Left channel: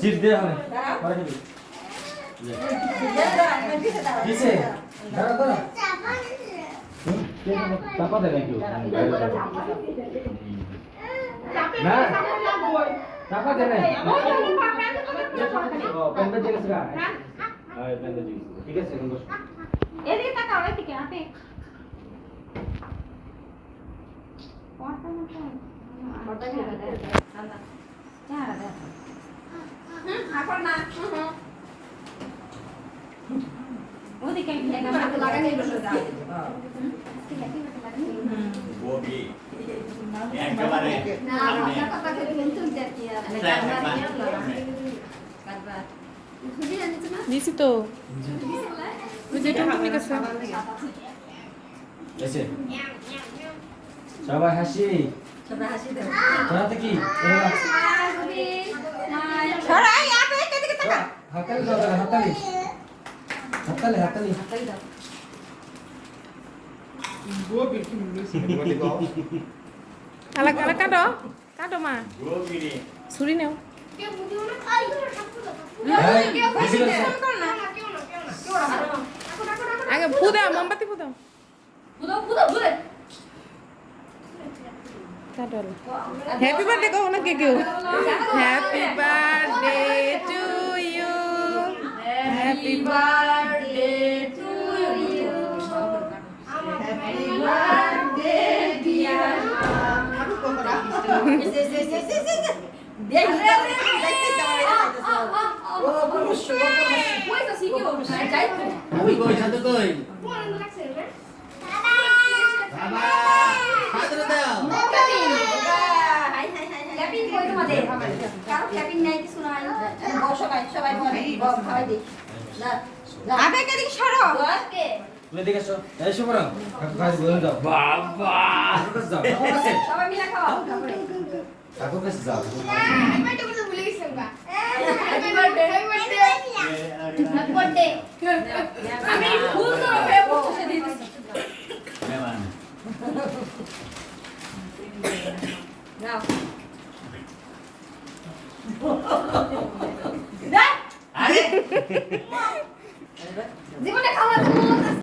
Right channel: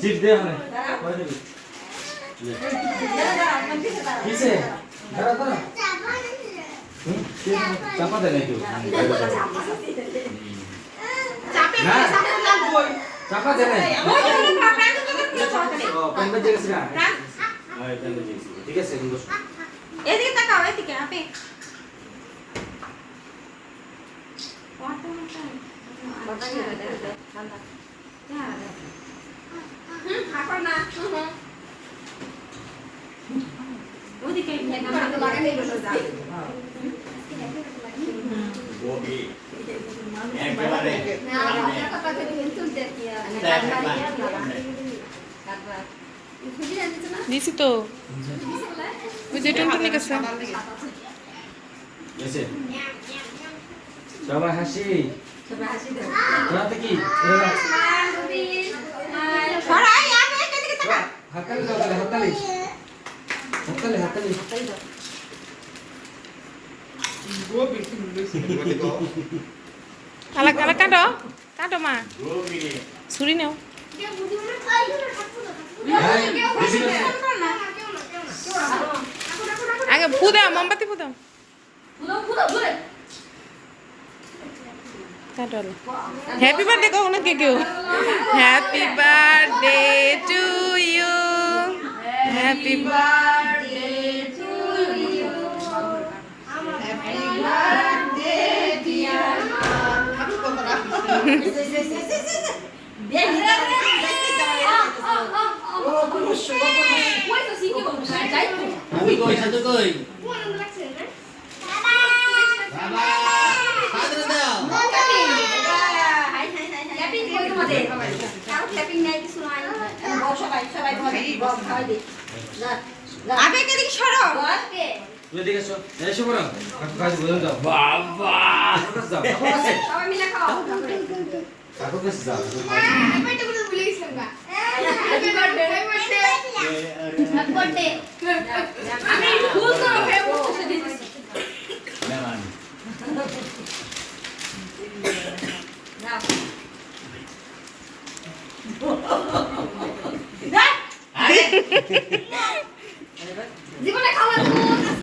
chip দে হবে পরে দিবি কিসে দাঁড়া দাঁড়া চাপা দে নাকি চাপা দে না পেনটা জেগেছে না হ্যাঁ পেনটা জেগেছে ঠিক আছে বস এদিকে তাকাও এদিকে আপনি দিছি তো ওই যে টুনটুনি কাছে এসে সবাই হাসি রাতে কি হাততালি দাও হাততালি হাততালি হাততালি আলাক আলাক কাটো কাটো মা ছুরি নাও আগে ফু দাও মোমবাতি ফু দাও কাটো হ্যাপি বার্থডে কও না কে কেউ happy birthday to you happy birthday to you happy birthday dear এদিকে এসো এসো বড় কাজ বলে দাও বাবা যাও সবাই মিলে খাও কাকু কাছে যাও হ্যাপি বার্থডে আমি ফুল তো হয়ে বসে দিতেছি নাও আরে